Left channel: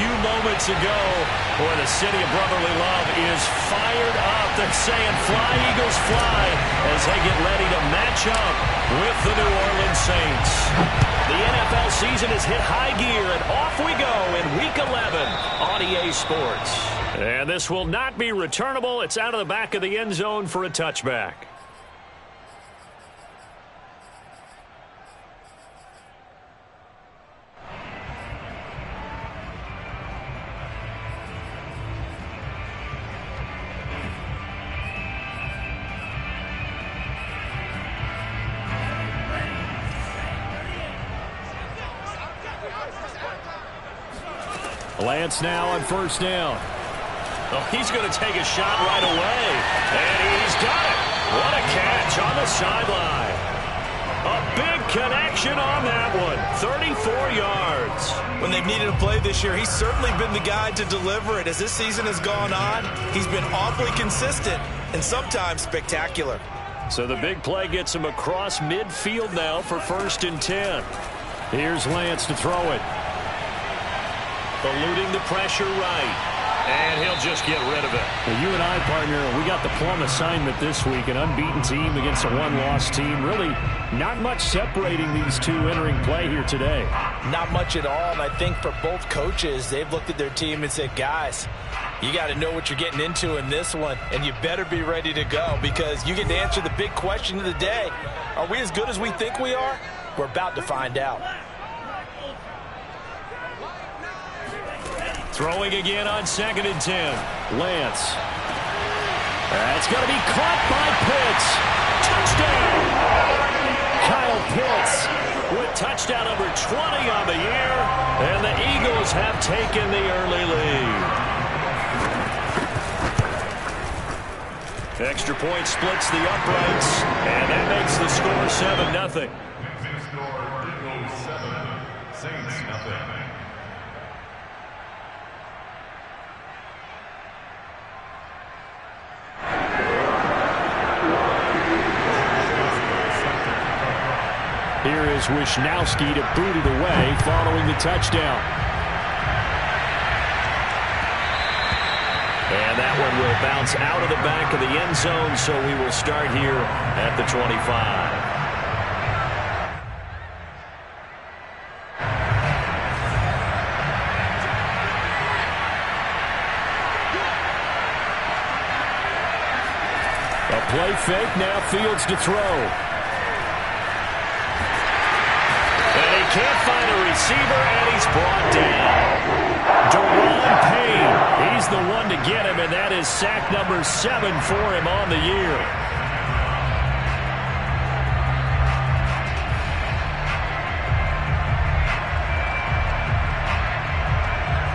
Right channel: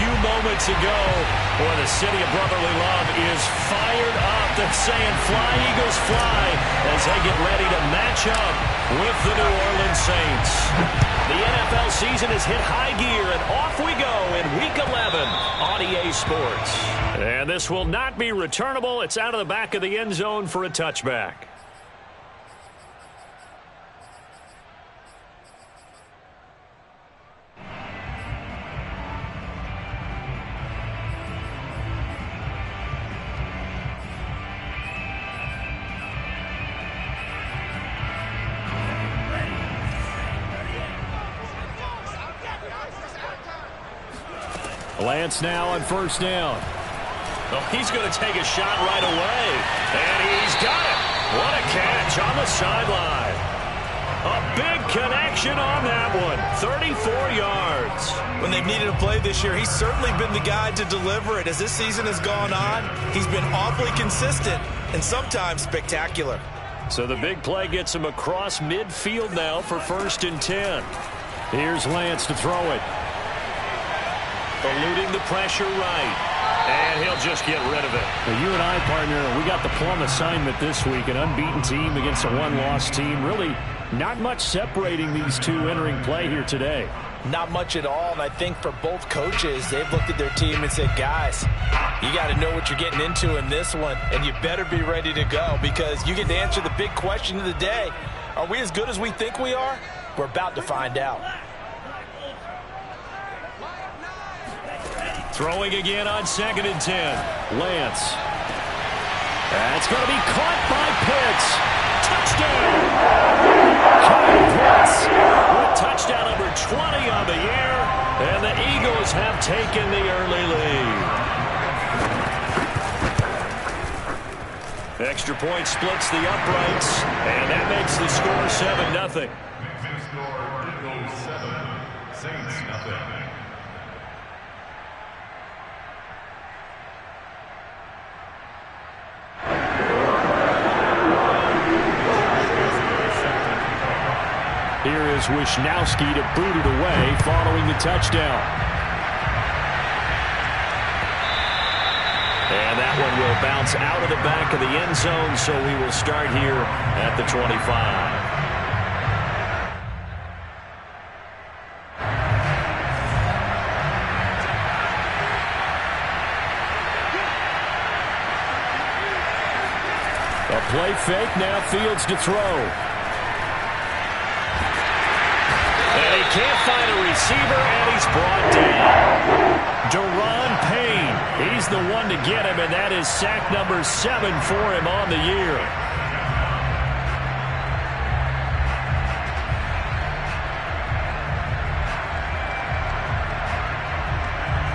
few moments ago. Boy, the city of brotherly love is fired up. They're saying fly, Eagles, fly, as they get ready to match up with the New Orleans Saints. The NFL season has hit high gear, and off we go in Week 11 on EA Sports. And this will not be returnable. It's out of the back of the end zone for a touchback. Lance now on first down. Oh, he's going to take a shot right away. And he's got it. What a catch on the sideline. A big connection on that one. 34 yards. When they've needed a play this year, he's certainly been the guy to deliver it. As this season has gone on, he's been awfully consistent and sometimes spectacular. So the big play gets him across midfield now for 1st and 10. Here's Lance to throw it. Eluding the pressure right. And he'll just get rid of it. Well, you and I, partner, we got the plum assignment this week. An unbeaten team against a one-loss team. Really not much separating these two entering play here today. Not much at all, and I think for both coaches, they've looked at their team and said, guys, you got to know what you're getting into in this one, and you better be ready to go because you get to answer the big question of the day. Are we as good as we think we are? We're about to find out. Throwing again on 2nd and 10. Lance. That's going to be caught by Pitts. Touchdown! Kyle Pitts with touchdown number 20 on the year. And the Eagles have taken the early lead. Extra point splits the uprights. And that makes the score 7-0. Eagles 7, Saints nothing. Here is Wisnowski to boot it away following the touchdown. And that one will bounce out of the back of the end zone, so we will start here at the 25. A play fake, now Fields to throw. And he can't find a receiver, and he's brought down. Daron Payne, he's the one to get him, and that is sack number 7 for him on the year.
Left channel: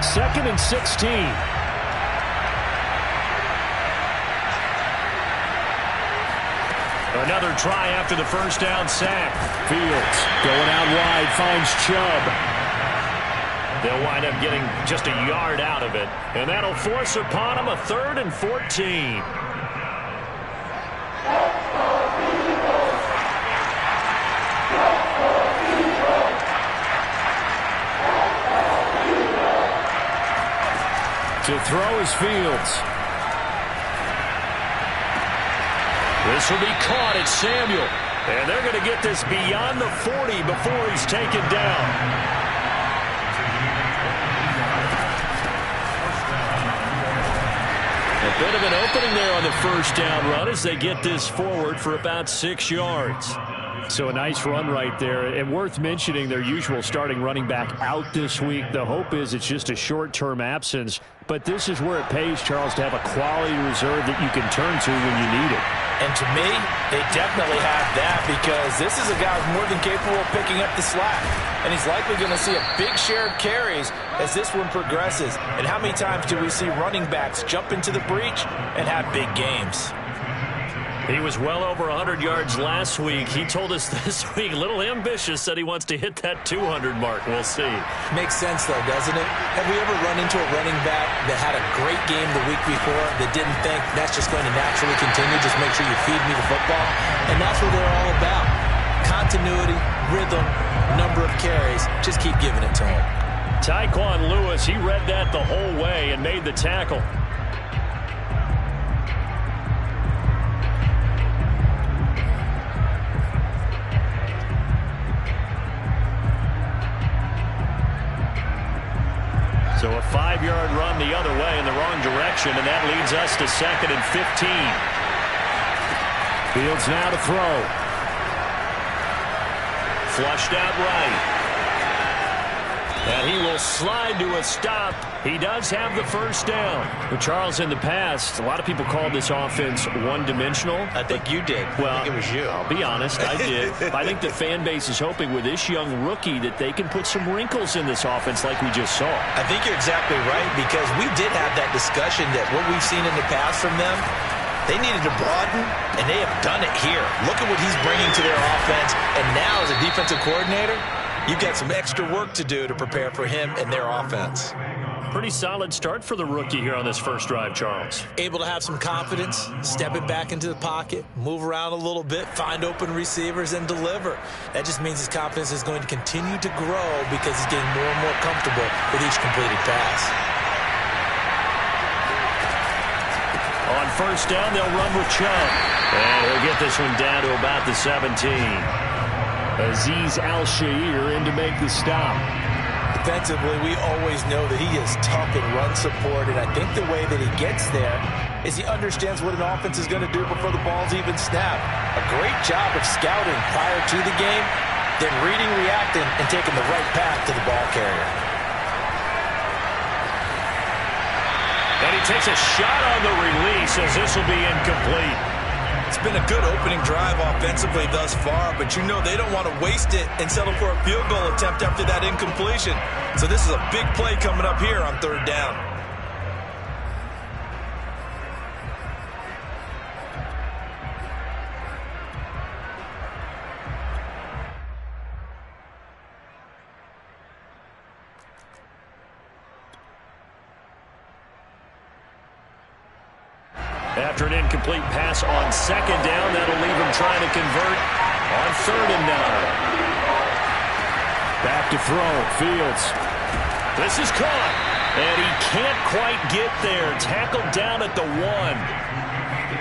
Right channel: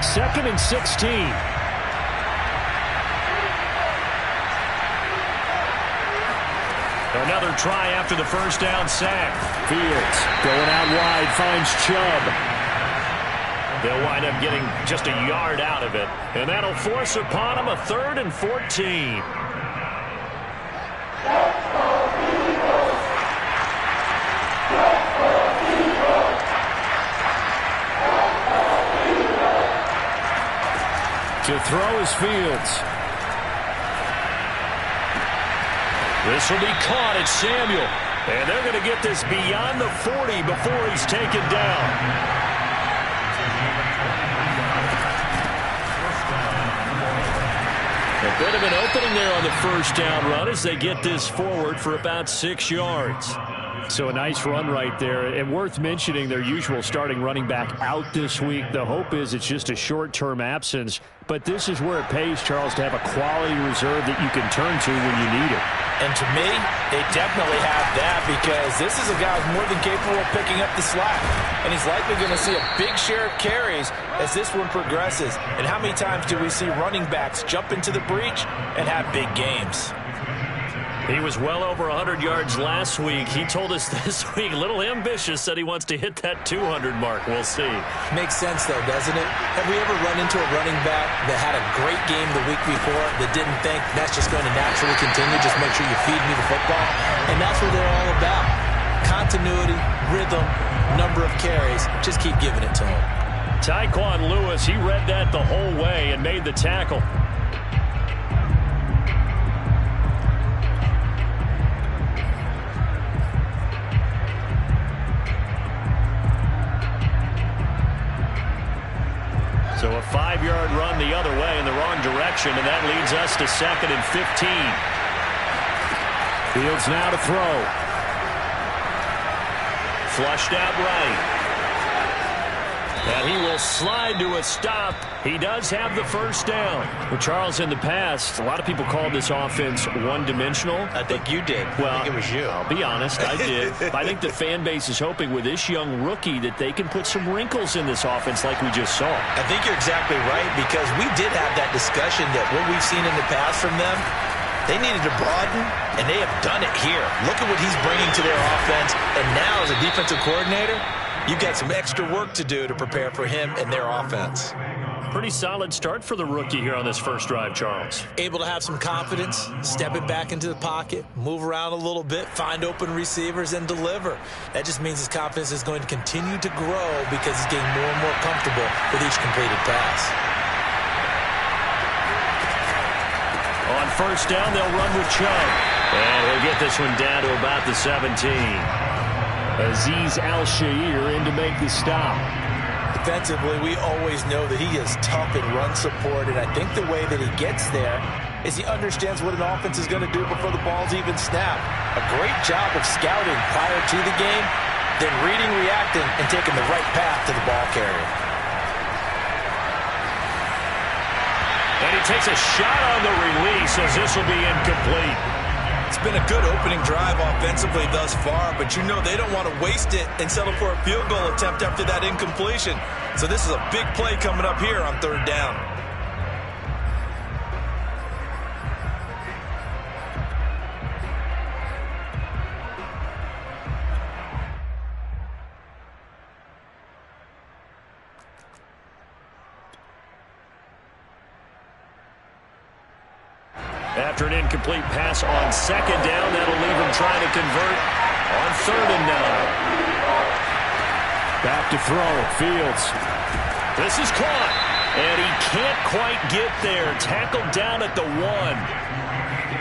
Second and 16. Another try after the first down sack. Fields going out wide, finds Chubb. They'll wind up getting just a yard out of it. And that'll force upon him a 3rd and 14. To throw is Fields. This will be caught at Samuel. And they're going to get this beyond the 40 before he's taken down. A bit of an opening there on the first down run as they get this forward for about 6 yards. So a nice run right there. And worth mentioning their usual starting running back out this week. The hope is it's just a short-term absence. But this is where it pays, Charles, to have a quality reserve that you can turn to when you need it. And to me, they definitely have that because this is a guy who's more than capable of picking up the slack. And he's likely going to see a big share of carries as this one progresses. And how many times do we see running backs jump into the breach and have big games? He was well over 100 yards last week. He told us this week, a little ambitious, said he wants to hit that 200 mark. We'll see. Makes sense, though, doesn't it? Have we ever run into a running back that had a great game the week before that didn't think that's just going to naturally continue? Just make sure you feed me the football. And that's what they're all about. Continuity, rhythm, number of carries. Just keep giving it to them. Tyquan Lewis, he read that the whole way and made the tackle. So a 5-yard run the other way in the wrong direction, and that leads us to 2nd and 15. Fields now to throw. Flushed out right. And he will slide to a stop. He does have the first down. Well, Charles, in the past, a lot of people called this offense one-dimensional. I think you did. Well, I think it was you. I'll be honest, I did. I think the fan base is hoping with this young rookie that they can put some wrinkles in this offense like we just saw. I think you're exactly right, because we did have that discussion that what we've seen in the past from them, they needed to broaden, and they have done it here. Look at what he's bringing to their offense, and now as a defensive coordinator, you've got some extra work to do to prepare for him and their offense. Pretty solid start for the rookie here on this first drive, Charles. Able to have some confidence, stepping back into the pocket, move around a little bit, find open receivers, and deliver. That just means his confidence is going to continue to grow because he's getting more and more comfortable with each completed pass. On first down, they'll run with Chubb. And he'll get this one down to about the 17. Azeez Al-Shaair in to make the stop. Defensively, we always know that he is tough in run support, and I think the way that he gets there is he understands what an offense is going to do before the ball's even snapped. A great job of scouting prior to the game, then reading, reacting, and taking the right path to the ball carrier. And he takes a shot on the release as this will be incomplete. It's been a good opening drive offensively thus far, but you know they don't want to waste it and settle for a field goal attempt after that incompletion. So this is a big play coming up here on 3rd down. After an incomplete pass on 2nd down, that'll leave him trying to convert on 3rd and 9. Back to throw. Fields. This is caught, and he can't quite get there. Tackled down at the 1.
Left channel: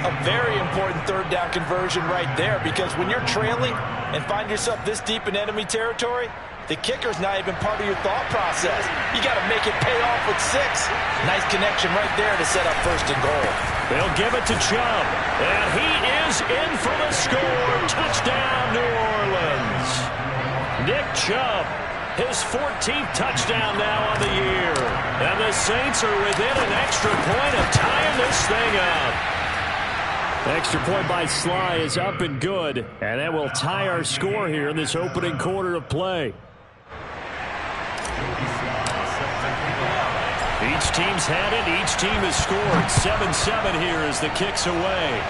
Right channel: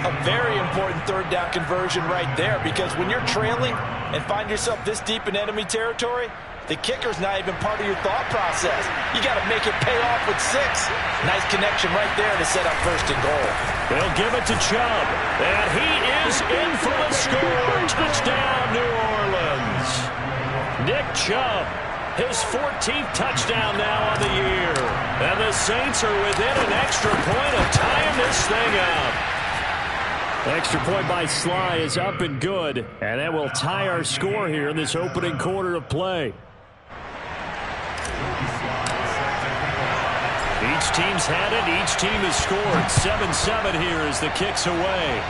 A very important 3rd down conversion right there, because when you're trailing and find yourself this deep in enemy territory, the kicker's not even part of your thought process. You got to make it pay off with 6. Nice connection right there to set up 1st and goal. They'll give it to Chubb, and he is in for the score. Touchdown, New Orleans. Nick Chubb, his 14th touchdown now on the year. And the Saints are within an extra point of tying this thing up. Extra point by Sly is up and good, and that will tie our score here in this opening quarter of play. Each team's had it. Each team has scored. 7-7 here as the kick's away.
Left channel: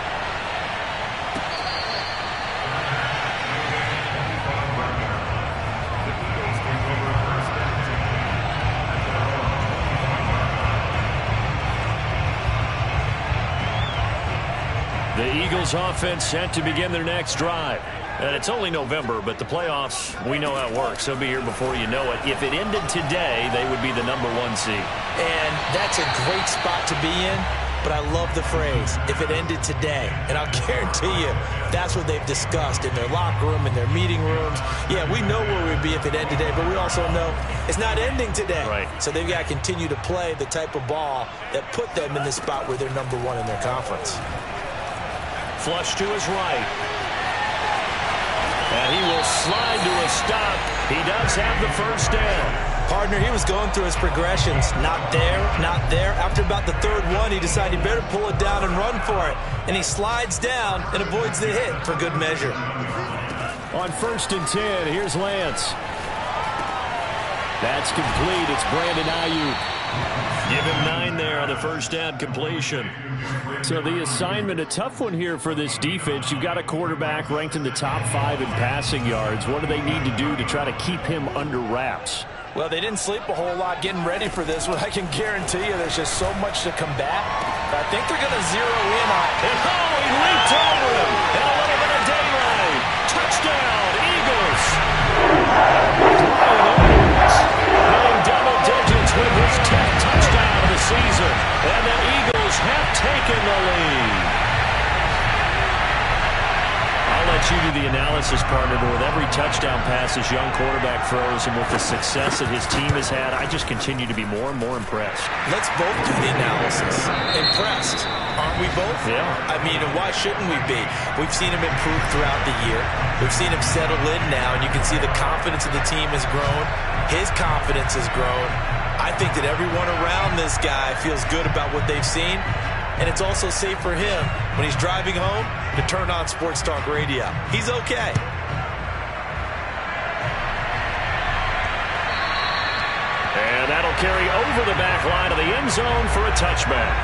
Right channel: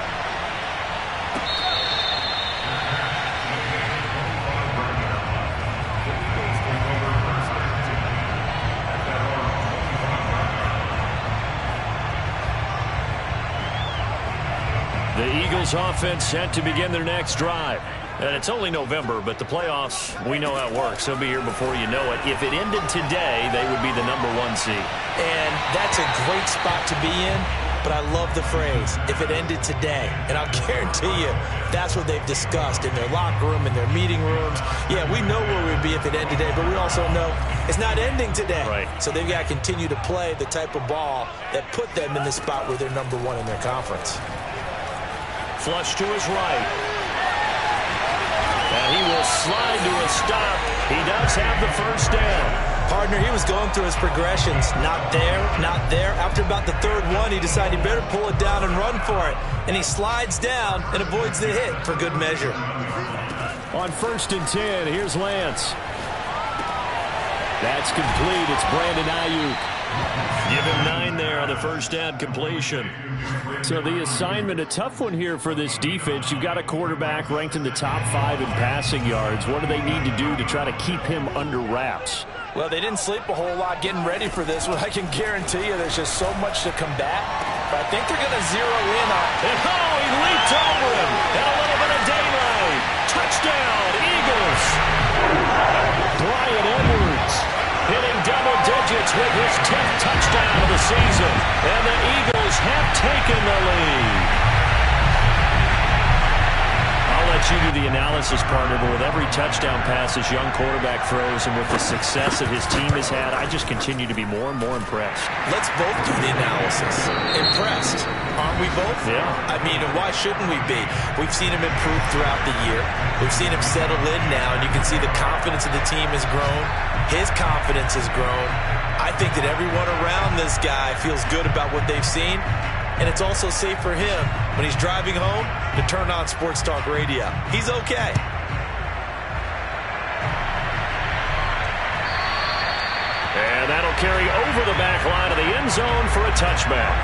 The Eagles offense set to begin their next drive. And it's only November, but the playoffs, we know how it works. They'll be here before you know it. If it ended today, they would be the #1 seed. And that's a great spot to be in, but I love the phrase, if it ended today. And I'll guarantee you, that's what they've discussed in their locker room, in their meeting rooms. Yeah, we know where we'd be if it ended today, but we also know it's not ending today. Right. So they've got to continue to play the type of ball that put them in the spot where they're #1 in their conference. Flush to his right. And he will slide to a stop. He does have the first down. Partner, he was going through his progressions. Not there, not there. After about the 3rd one, he decided he better pull it down and run for it. And he slides down and avoids the hit for good measure. On 1st and 10, here's Lance. That's complete. It's Brandon Ayuk. Give him 9 there on the first down completion. So the assignment, a tough one here for this defense. You've got a quarterback ranked in the top 5 in passing yards. What do they need to do to try to keep him under wraps? Well, they didn't sleep a whole lot getting ready for this one. I can guarantee you there's just so much to combat. But I think they're going to zero in on it. And he leaped over him. And a little bit of daylight. Touchdown, Eagles. Bryan Edwards hitting double digits. his 10th touchdown of the season. And the Eagles have taken the lead. I'll let you do the analysis, partner, but with every touchdown pass this young quarterback throws and with the success that his team has had, I just continue to be more and more impressed. Let's both do the analysis. Impressed. Aren't we both? Yeah. I mean, why shouldn't we be? We've seen him improve throughout the year. We've seen him settle in now, and you can see the confidence of the team has grown. His confidence has grown. I think that everyone around this guy feels good about what they've seen. And it's also safe for him when he's driving home to turn on Sports Talk Radio. He's okay. And that'll carry over the back line of the end zone for a touchback.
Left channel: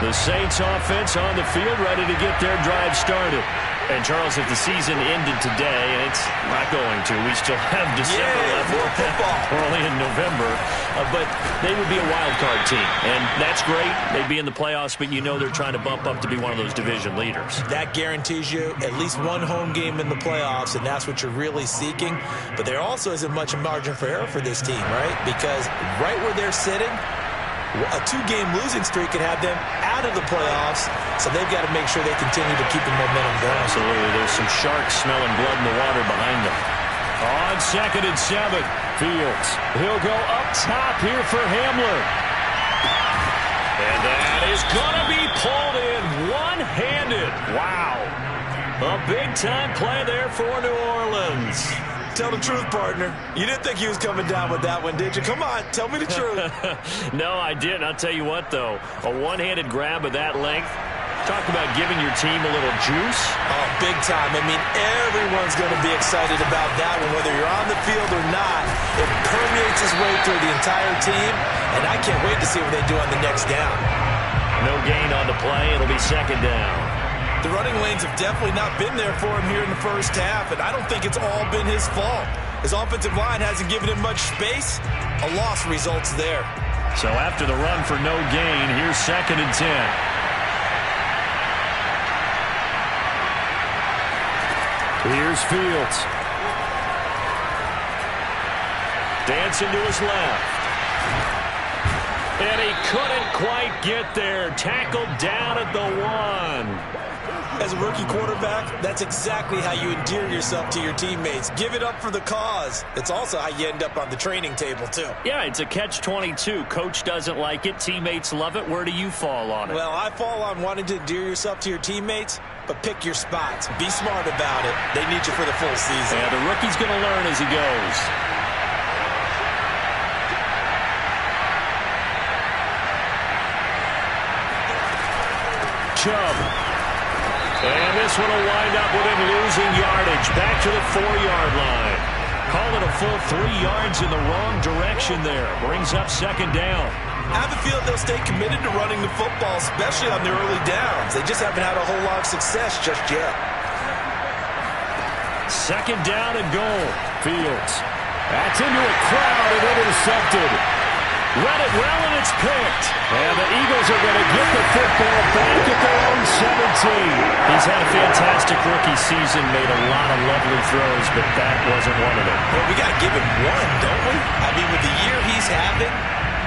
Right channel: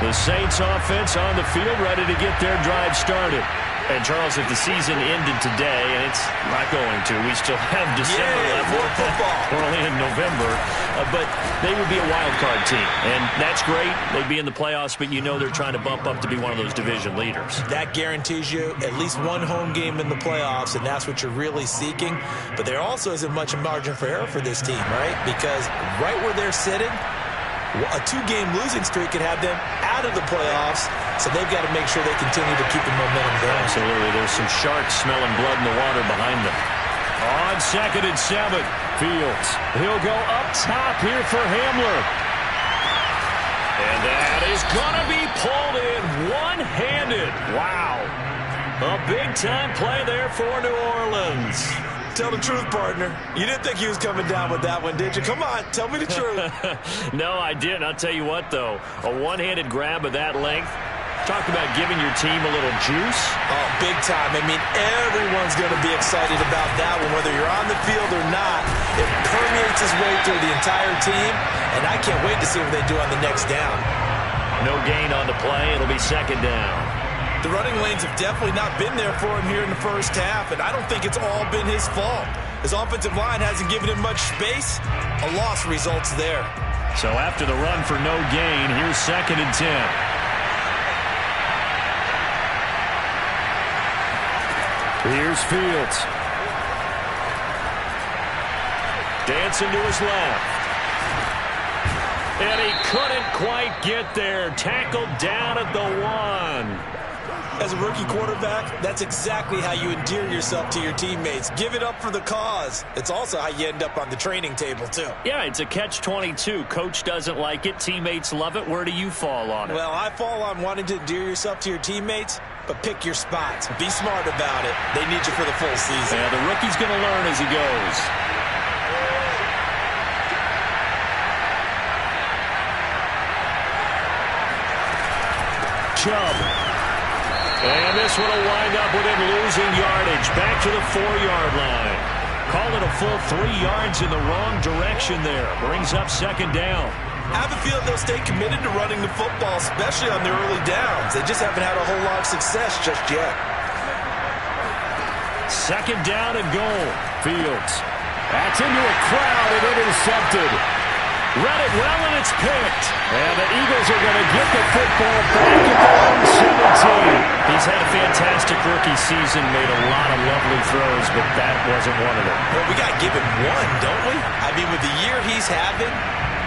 The Saints offense on the field, ready to get their drive started. And, Charles, if the season ended today, and it's not going to, we still have December left. More football. We're only in November. But they would be a wild card team. And that's great. They'd be in the playoffs, but you know they're trying to bump up to be one of those division leaders. That guarantees you at least one home game in the playoffs, and that's what you're really seeking. But there also isn't much margin for error for this team, right? Because right where they're sitting, a 2-game losing streak could have them out of the playoffs, so they've got to make sure they continue to keep the momentum going. Absolutely. There's some sharks smelling blood in the water behind them. On 2nd and 7, Fields. He'll go up top here for Hamler. And that is going to be pulled in one-handed. Wow. A big-time play there for New Orleans. Tell the truth, partner. You didn't think he was coming down with that one, did you? Come on, tell me the truth. No, I didn't. I'll tell you what, though. A one-handed grab of that length. Talk about giving your team a little juice. Oh, big time. I mean, everyone's going to be excited about that one, whether you're on the field or not. It permeates its way through the entire team, and I can't wait to see what they do on the next down. No gain on the play. It'll be 2nd down. The running lanes have definitely not been there for him here in the first half, and I don't think it's all been his fault. His offensive line hasn't given him much space. A loss results there. So after the run for no gain, here's 2nd and 10. Here's Fields. Dancing to his left. And he couldn't quite get there. Tackled down at the 1. As a rookie quarterback, that's exactly how you endear yourself to your teammates. Give it up for the cause. It's also how you end up on the training table, too. Yeah, it's a catch-22. Coach doesn't like it. Teammates love it. Where do you fall on it? Well, I fall on wanting to endear yourself to your teammates, but pick your spots. Be smart about it. They need you for the full season. Yeah, the rookie's going to learn as he goes. Chubb. And this one will wind up with him losing yardage. Back to the 4-yard line. Call it a full 3 yards in the wrong direction there. Brings up 2nd down. I have a feeling they'll stay committed to running the football, especially on the early downs. They just haven't had a whole lot of success just yet. 2nd down and goal. Fields. That's into a crowd and intercepted. Read it well, and it's picked. And the Eagles are going to get the football back at their own 17. He's had a fantastic rookie season, made a lot of lovely throws, but that wasn't one of them. Well, we got to give him one, don't we? I mean, with the year he's having,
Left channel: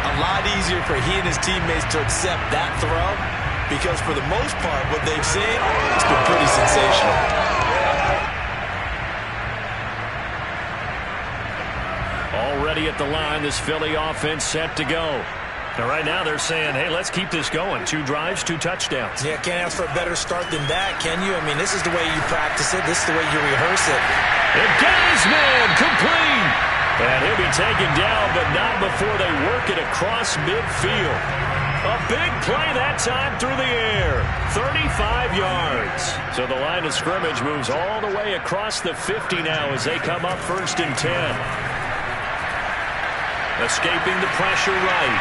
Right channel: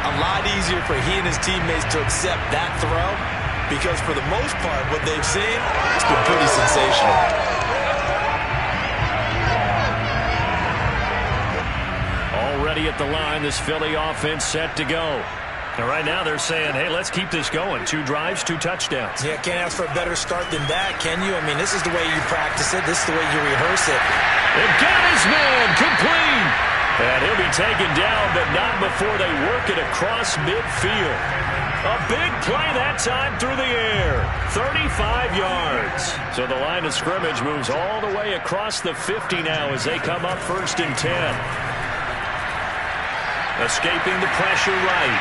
a lot easier for he and his teammates to accept that throw, because for the most part, what they've seen, it's been pretty sensational. Already at the line, this Philly offense set to go. And right now they're saying, hey, let's keep this going. 2 drives, 2 touchdowns. Yeah, can't ask for a better start than that, can you? I mean, this is the way you practice it. This is the way you rehearse it. They've got his man complete. And he'll be taken down, but not before they work it across midfield. A big play that time through the air. 35 yards. So the line of scrimmage moves all the way across the 50 now as they come up 1st and 10. Escaping the pressure right.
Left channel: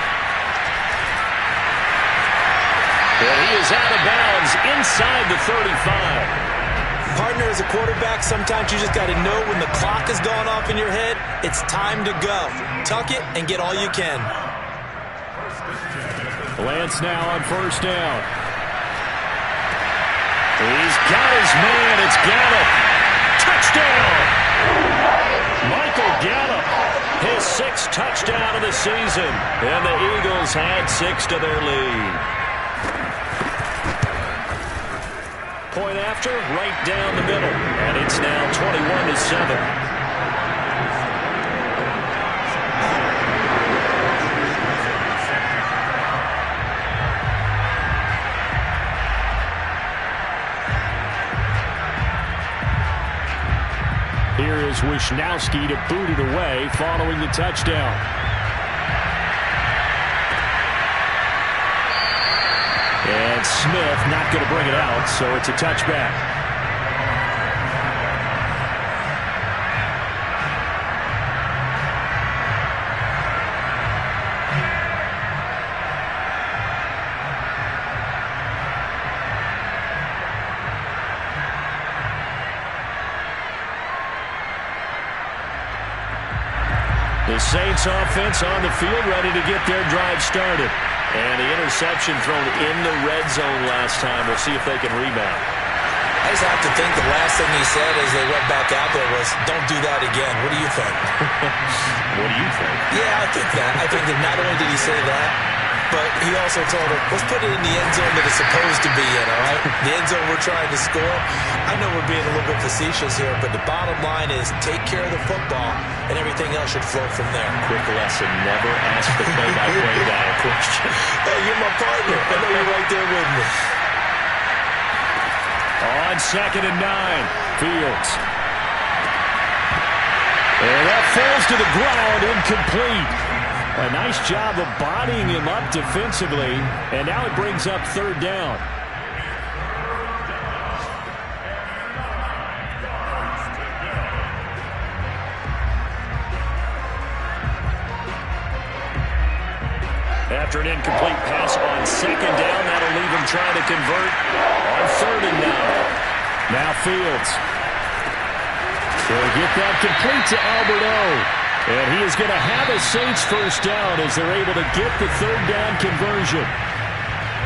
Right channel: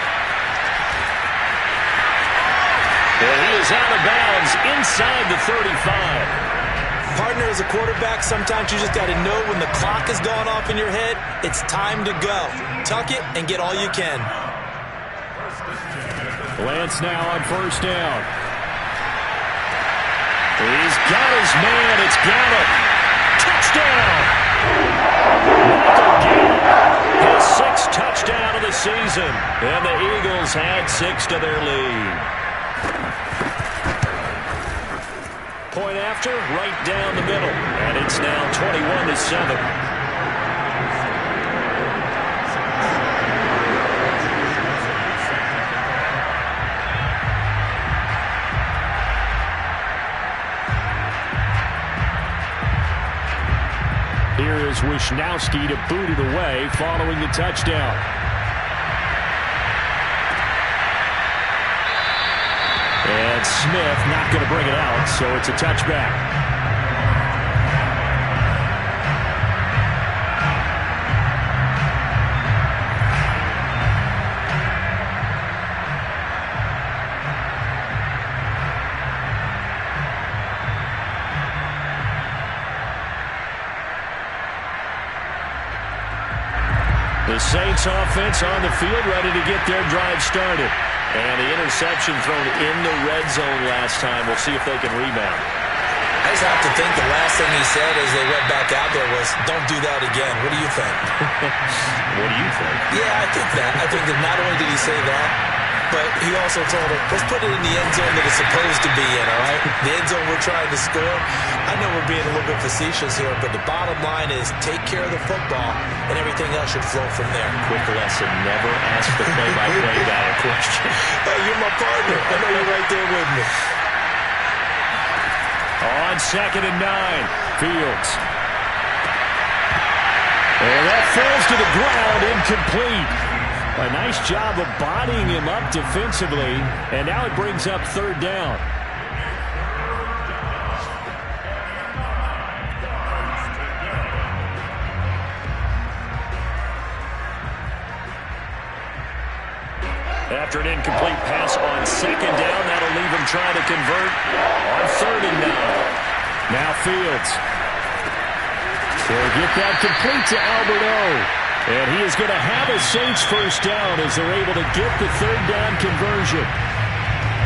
And he is out of bounds inside the 35. Partner, as a quarterback, sometimes you just got to know when the clock has gone off in your head, it's time to go. Tuck it and get all you can. Lance now on 1st down. He's got his man. It's Gallup. Touchdown! Michael Gallup, his 6th touchdown of the season. And the Eagles had 6 to their lead. Point after, right down the middle. And it's now 21-7. Here is Wishnowsky to boot it away following the touchdown. And Smith not going to bring it out, so it's a touchback. The Saints offense on the field, ready to get their drive started. And the interception thrown in the red zone last time. We'll see if they can rebound. I just have to think the last thing he said as they went back out there was, don't do that again. What do you think? What do you think? Yeah, I think that. I think that not only did he say that, but he also told him, let's put it in the end zone that it's supposed to be in, all right? The end zone we're trying to score. I know we're being a little bit facetious here, but the bottom line is take care of the football, and everything else should flow from there. Quick lesson, never ask the play-by-play guy a question. Hey, you're my partner. I know you're right there with me. On 2nd and 9, Fields. And that falls to the ground, incomplete. A nice job of bodying him up defensively, and now it brings up 3rd down. After an incomplete pass on 2nd down, that'll leave him trying to convert on 3rd and 9. Now Fields. He'll get that complete to Albert O. And he is going to have a Saints 1st down as they're able to get the 3rd down conversion.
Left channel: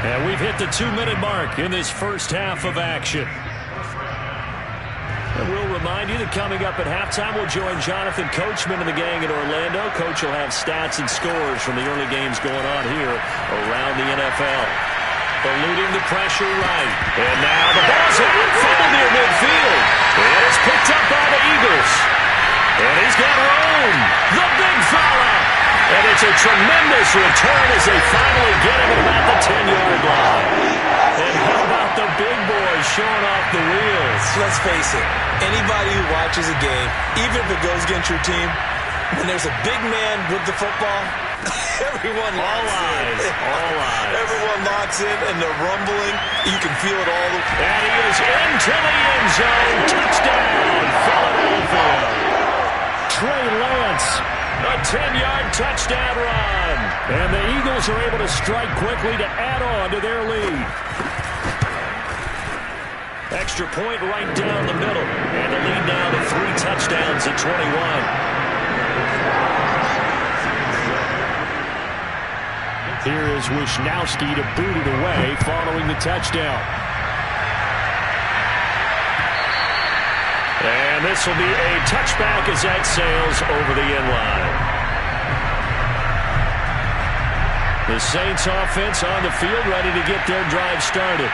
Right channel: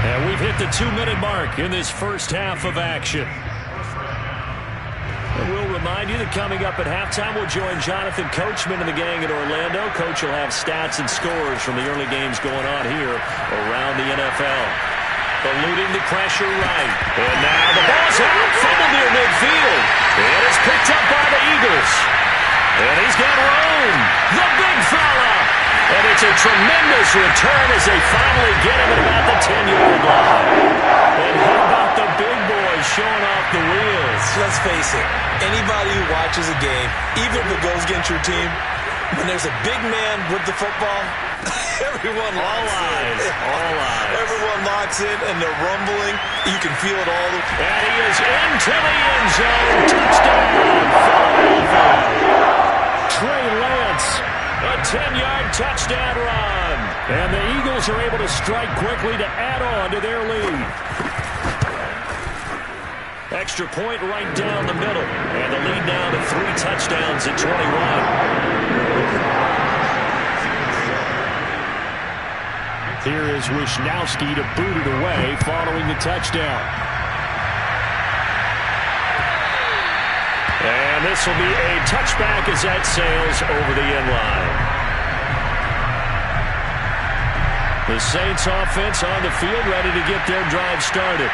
And we've hit the 2-minute mark in this first half of action. And we'll remind you that coming up at halftime, we'll join Jonathan Coachman and the gang in Orlando. Coach will have stats and scores from the early games going on here around the NFL. Eluding the pressure right. And now the ball's out, fumbled near midfield. And it's picked up by the Eagles. And he's got room. The big fella. And it's a tremendous return as they finally get him at about the 10-yard line. And how about the big boys showing off the wheels? Let's face it. Anybody who watches a game, even if it goes against your team, when there's a big man with the football, everyone locks in. All eyes. Everyone locks in, and they're rumbling. You can feel it all. And he is into the end zone. Touchdown, Philadelphia. Trey Lance. A 10-yard touchdown run. And the Eagles are able to strike quickly to add on to their lead. Extra point right down the middle. And the lead now to 3 touchdowns at 21. Here is Wishnowsky to boot it away following the touchdown. And this will be a touchback as that sails over the end line. The Saints offense on the field ready to get their drive started.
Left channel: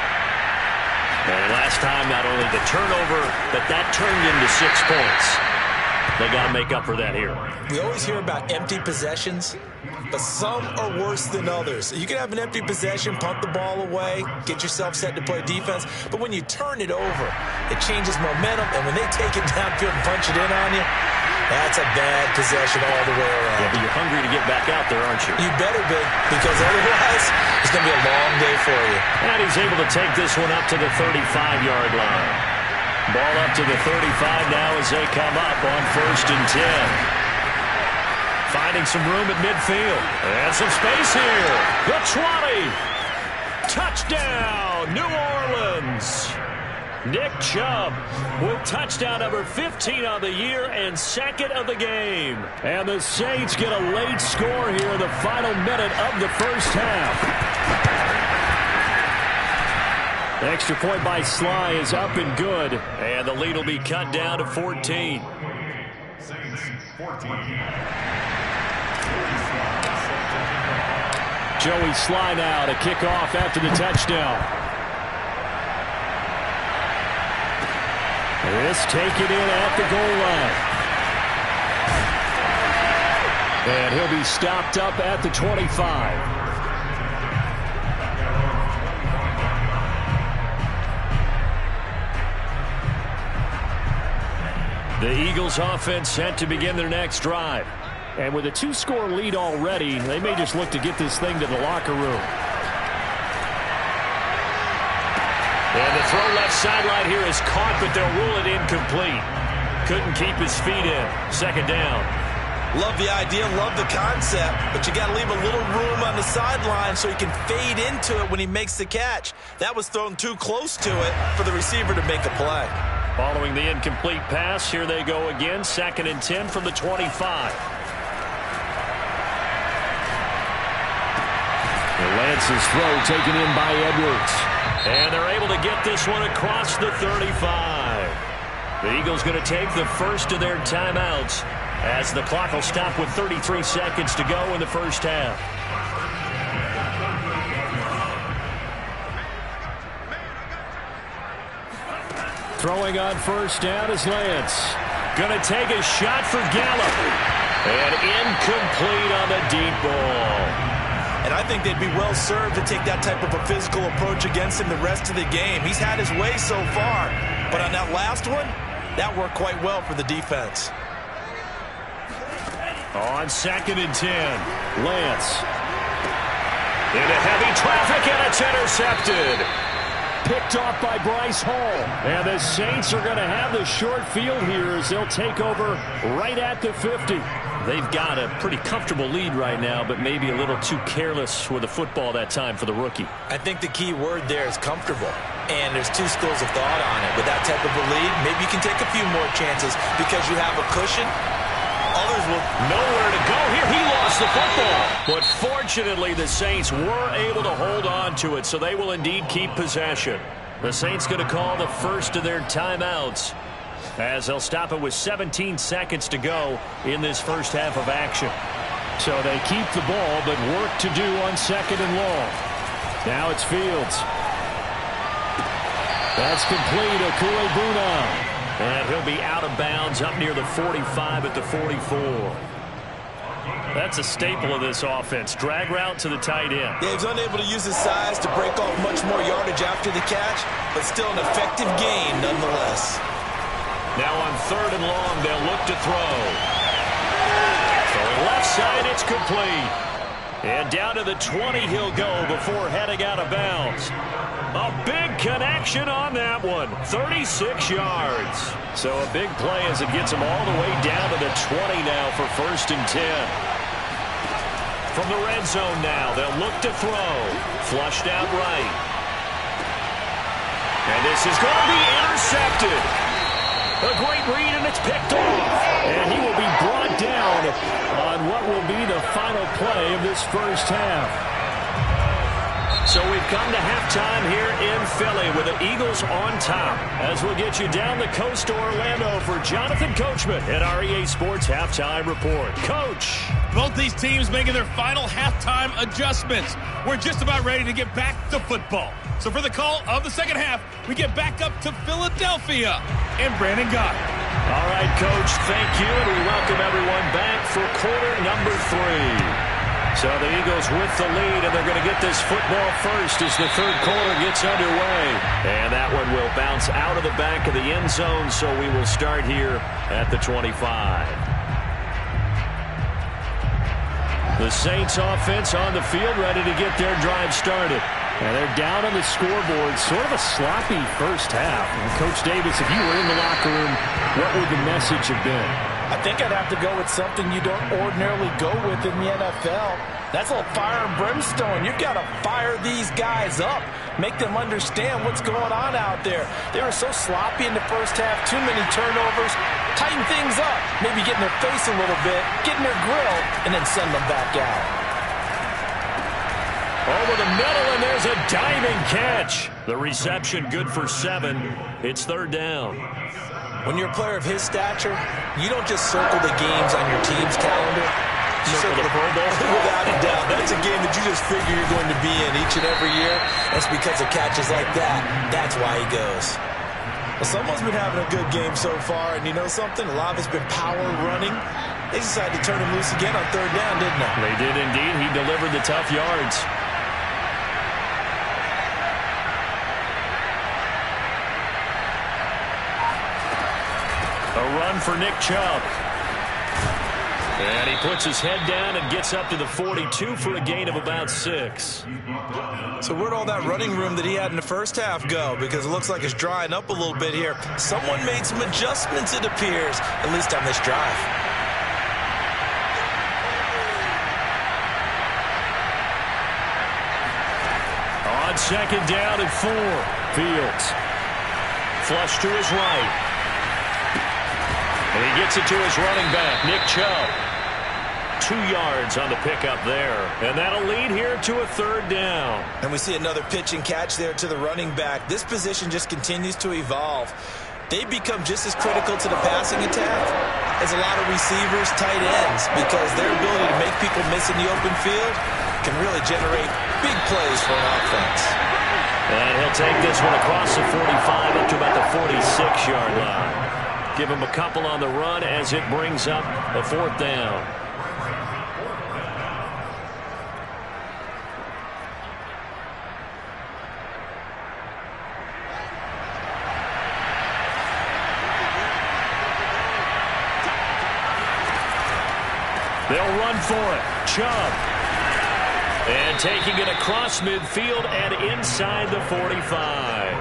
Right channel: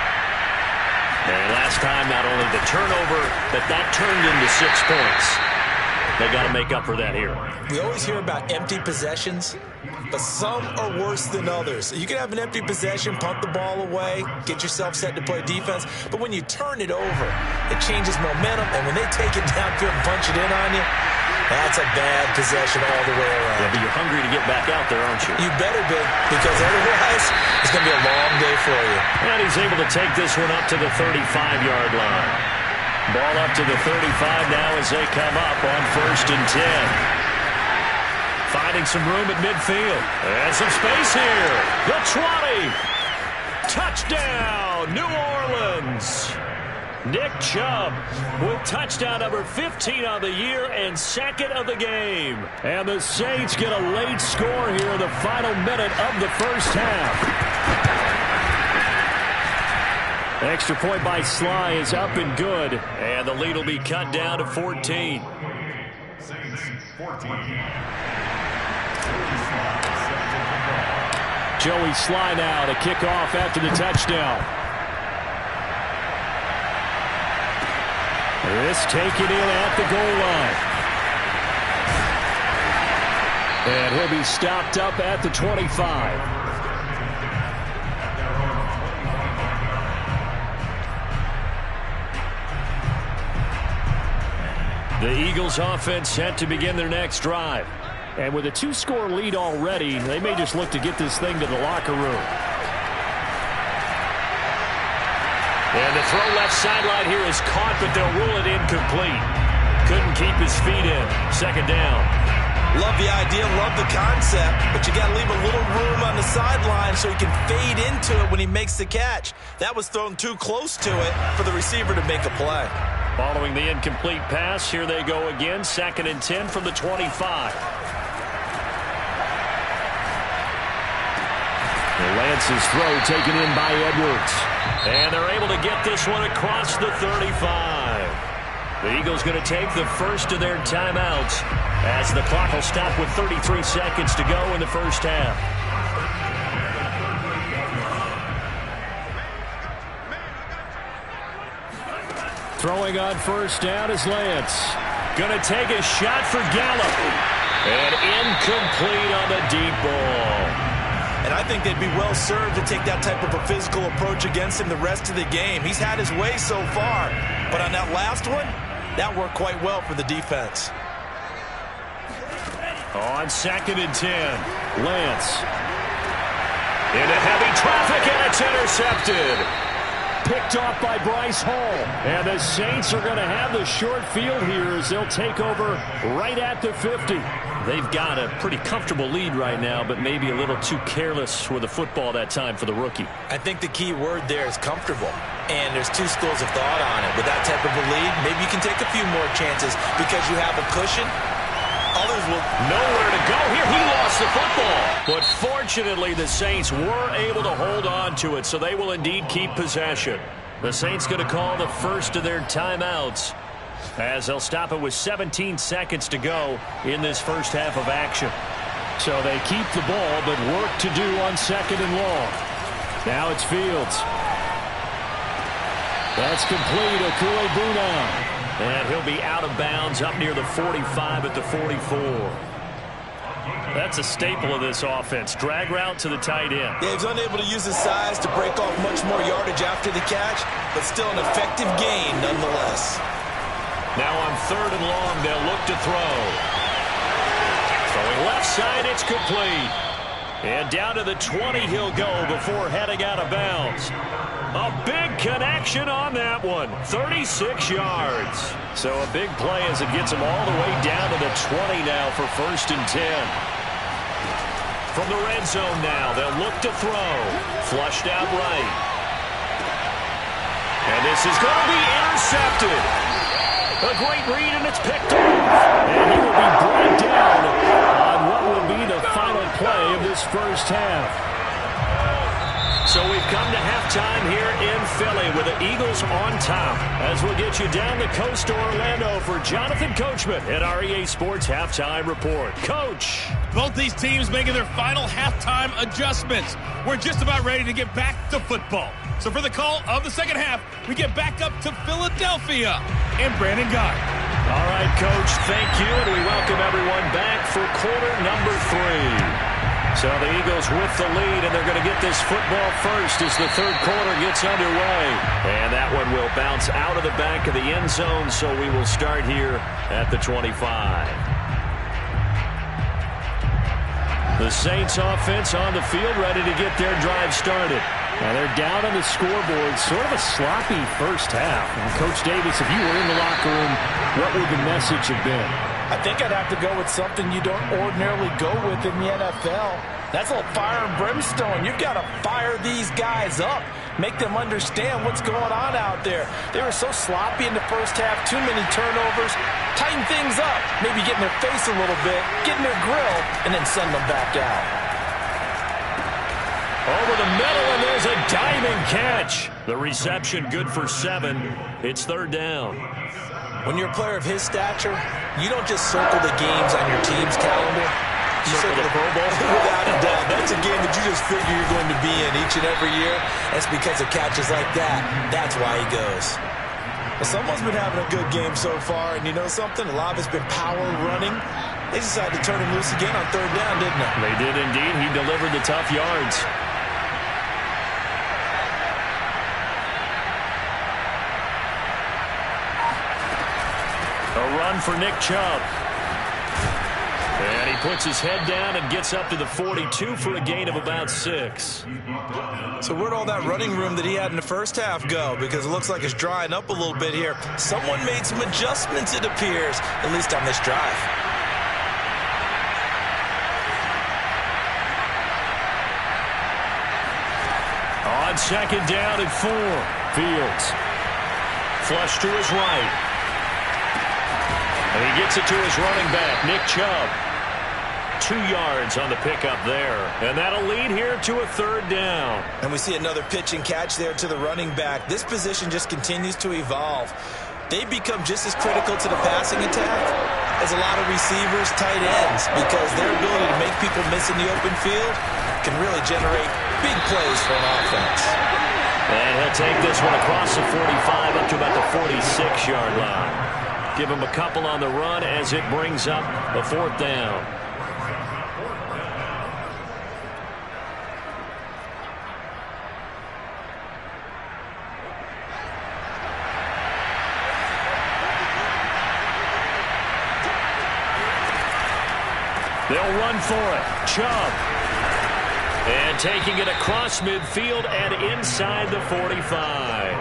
And last time, not only the turnover, but that turned into 6 points. They got to make up for that here. We always hear about empty possessions, but some are worse than others. You can have an empty possession, punt the ball away, get yourself set to play defense, but when you turn it over, it changes momentum, and when they take it downfield and punch it in on you, that's a bad possession all the way around. Yeah, but you're hungry to get back out there, aren't you? You better be, because otherwise it's going to be a long day for you. And he's able to take this one up to the 35-yard line. Ball up to the 35 now as they come up on 1st and 10. Finding some room at midfield. And some space here. The 20. Touchdown, New Orleans. Nick Chubb with touchdown number 15 of the year and 2nd of the game. And the Saints get a late score here in the final minute of the first half. Extra point by Sly is up and good. And the lead will be cut down to 14. Saints 14. Joey Sly now to kick off after the touchdown. This taken in at the goal line. And he'll be stopped up at the 25. The Eagles offense set to begin their next drive. And with a 2-score lead already, they may just look to get this thing to the locker room. And the throw left sideline here is caught, but they'll rule it incomplete. Couldn't keep his feet in. Second down. Love the idea, love the concept, but you got to leave a little room on the sideline so he can fade into it when he makes the catch. That was thrown too close to it for the receiver to make a play. Following the incomplete pass, here they go again. 2nd and 10 from the 25. Lance's throw taken in by Edwards. And they're able to get this one across the 35. The Eagles going to take the first of their timeouts as the clock will stop with 33 seconds to go in the first half. Throwing on first down is Lance. Going to take a shot for Gallup. And incomplete on the deep ball. And I think they'd be well served to take that type of a physical approach against him the rest of the game. He's had his way so far. But on that last one, that worked quite well for the defense. On 2nd and 10, Lance. Into heavy traffic, and it's intercepted. Picked off by Bryce Hall. And the Saints are going to have the short field here as they'll take over right at the 50. They've got a pretty comfortable lead right now, but maybe a little too careless with the football that time for the rookie. I think the key word there is comfortable. And there's two schools of thought on it. With that type of a lead, maybe you can take a few more chances because you have a cushion. Others will nowhere to go here. He lost the football. But fortunately, the Saints were able to hold on to it, so they will indeed keep possession. The Saints going to call the first of their timeouts as they'll stop it with 17 seconds to go in this first half of action. So they keep the ball, but work to do on 2nd and long. Now it's Fields. That's complete. Okuegbunam. And he'll be out of bounds up near the 45 at the 44. That's a staple of this offense. Drag route to the tight end. Yeah, he's unable to use his size to break off much more yardage after the catch, but still an effective gain nonetheless. Now on 3rd and long, they'll look to throw. Throwing left side, it's complete. And down to the 20 he'll go before heading out of bounds. A big connection on that one. 36 yards. So a big play as it gets him all the way down to the 20 now for 1st and 10. From the red zone now, they'll look to throw. Flushed out right. And this is going to be intercepted. A great read, and it's picked off. And he will be brought down on what will be the final play of this first half. So we've come to halftime here in Philly with the Eagles on top. As we'll get you down the coast to Orlando for Jonathan Coachman at our EA Sports Halftime Report. Coach. Both these teams making their final halftime adjustments. We're just about ready to get back to football. So for the call of the second half, we get back up to Philadelphia and Brandon Guy. All right, Coach, thank you, and we welcome everyone back for quarter number 3. So the Eagles with the lead, and they're going to get this football first as the third quarter gets underway. And that one will bounce out of the back of the end zone, so we will start here at the 25. The Saints offense on the field ready to get their drive started. And they're down on the scoreboard. Sort of a sloppy first half. And Coach Davis, if you were in the locker room, what would the message have been? I think I'd have to go with something you don't ordinarily go with in the NFL. That's a little fire and brimstone. You've got to fire these guys up. Make them understand what's going on out there. They were so sloppy in the first half. Too many turnovers. Tighten things up. Maybe get in their face a little bit. Get in their grill. And then send them back out. Over the middle, and there's a diving catch. The reception good for 7. It's 3rd down. When you're a player of his stature, you don't just circle the games on your team's calendar. You circle the Pro Bowl? Without a doubt. That's a game that you just figure you're going to be in each and every year. That's because of catches like that. That's why he goes. Well, someone's been having a good game so far, and you know something? A lot of it's been power running. They decided to turn him loose again on 3rd down, didn't they? They did indeed. He delivered the tough yards. A run for Nick Chubb. And he puts his head down and gets up to the 42 for a gain of about 6. So where'd all that running room that he had in the first half go? Because it looks like it's drying up a little bit here. Someone made some adjustments, it appears, at least on this drive. On 2nd down and 4. Fields. Flush to his right. And he gets it to his running back, Nick Chubb. 2 yards on the pickup there. And that'll lead here to a 3rd down. And we see another pitch and catch there to the running back. This position just continues to evolve. They become just as critical to the passing attack as a lot of receivers, tight ends, because their ability to make people miss in the open field can really generate big plays for an offense. And he'll take this one across the 45 up to about the 46-yard line. Give him a couple on the run as it brings up a 4th down. They'll run for it. Chubb. And taking it across midfield and inside the 45.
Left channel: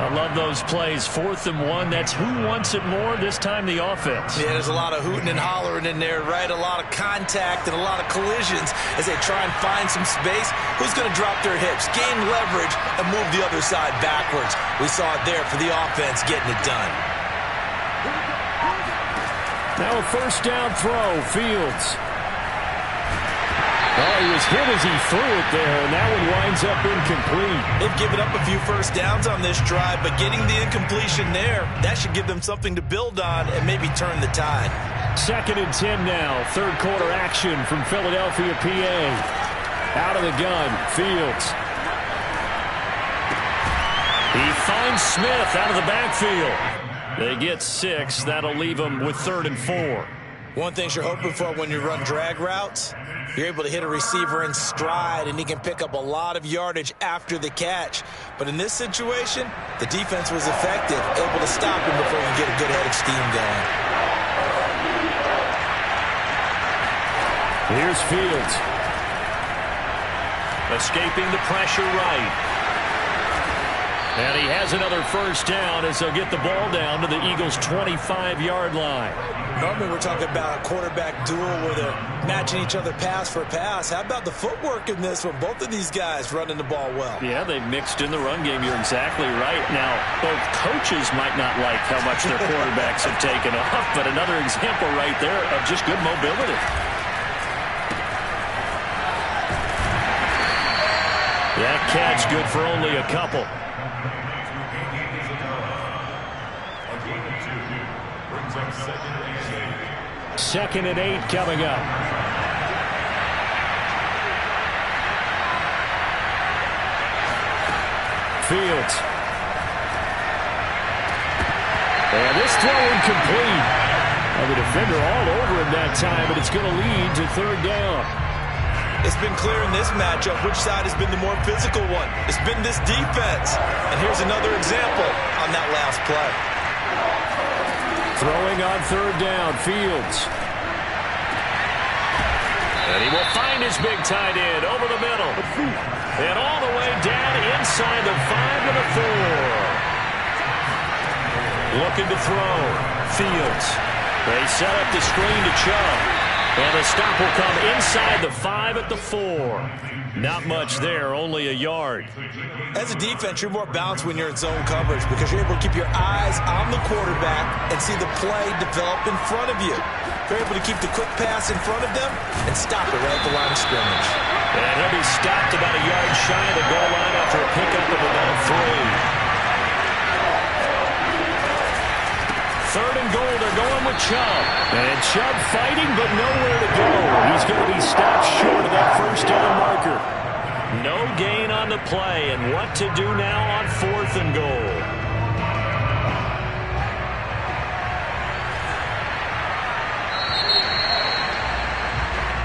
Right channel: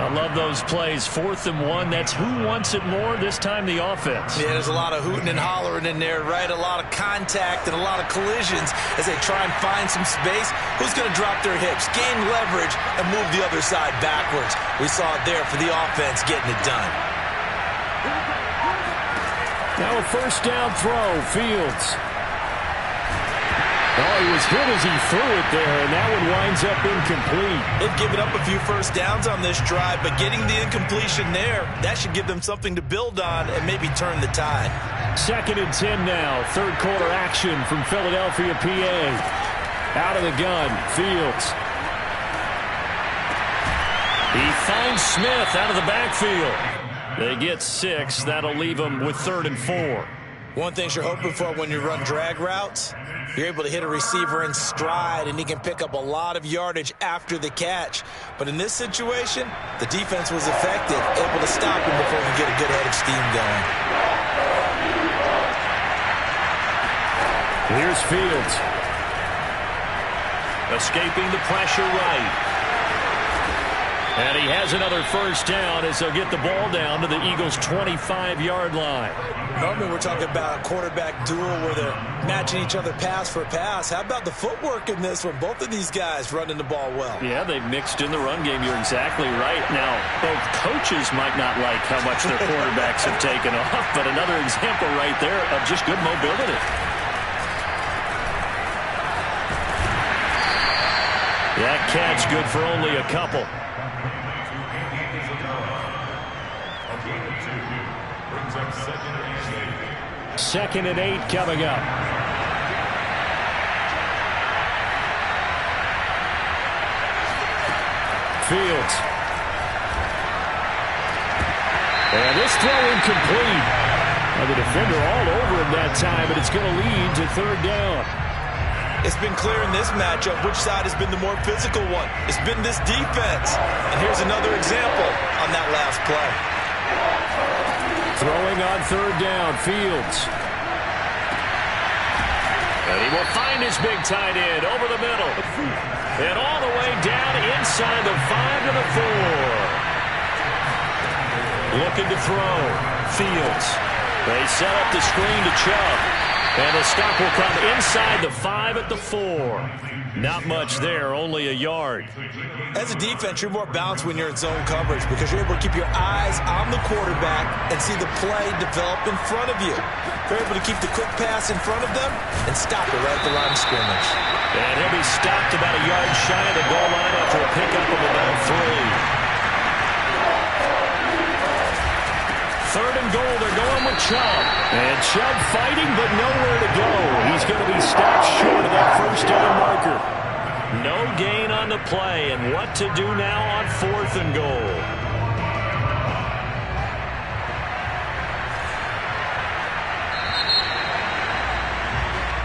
I love those plays. 4th and 1. That's who wants it more, this time the offense. Yeah, there's a lot of hooting and hollering in there, right? A lot of contact and a lot of collisions as they try and find some space. Who's going to drop their hips, gain leverage, and move the other side backwards? We saw it there for the offense getting it done. Now a 1st down throw. Fields. Oh, he was hit as he threw it there, and that one winds up incomplete. They've given up a few 1st downs on this drive, but getting the incompletion there, that should give them something to build on and maybe turn the tide. 2nd and 10 now. 3rd quarter action from Philadelphia, PA. Out of the gun, Fields. He finds Smith out of the backfield. They get 6. That'll leave them with 3rd and 4. One thing you're hoping for when you run drag routes, you're able to hit a receiver in stride, and he can pick up a lot of yardage after the catch. But in this situation, the defense was effective, able to stop him before he can get a good head of steam going. Here's Fields. Escaping the pressure right. And he has another 1st down as they'll get the ball down to the Eagles' 25-yard line. Normally we're talking about a quarterback duel where they're matching each other pass for pass. How about the footwork in this one? Both of these guys running the ball well. Yeah, they've mixed in the run game. You're exactly right. Now, both coaches might not like how much their quarterbacks have taken off, but another example right there of just good mobility. That catch good for only a couple. Second and 8 coming up. Fields. And this throw incomplete. Well, the defender all over him that time, but it's going to lead to 3rd down. It's been clear in this matchup which side has been the more physical one. It's been this defense. And here's another example on that last play. Throwing on 3rd down, Fields. And he will find his big tight end over the middle. And all the way down inside the 5 to the 4. Looking to throw. Fields. They set up the screen to Chubb. And the stop will come inside the 5 at the 4. Not much there, only a yard. As a defense, you're more balanced when you're in zone coverage because you're able to keep your eyes on the quarterback and see the play develop in front of you. They're able to keep the quick pass in front of them and stop it right at the line of scrimmage. And he'll be stopped about a yard shy of the goal line after a pickup of about 3. 3rd and goal, they're going with Chubb. And Chubb fighting, but nowhere to go. He's going to be stopped short of that first down marker. No gain on the play, and what to do now on 4th and goal.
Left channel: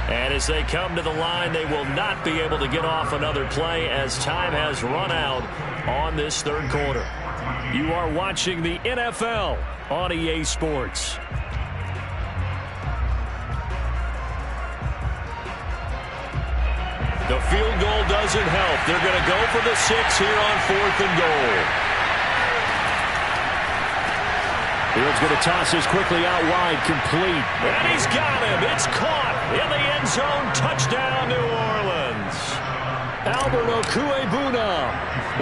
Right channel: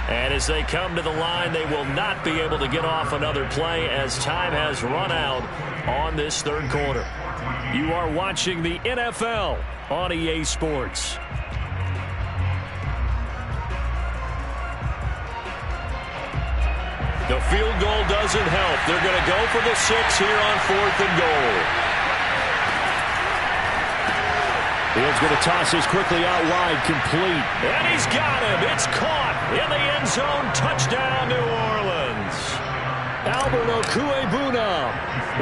And as they come to the line, they will not be able to get off another play as time has run out on this 3rd quarter. You are watching the NFL on EA Sports. The field goal doesn't help. They're going to go for the 6 here on 4th and goal. Fields going to toss this quickly out wide, complete. And he's got him. It's caught in the end zone. Touchdown, New Orleans. Albert Okwuegbunam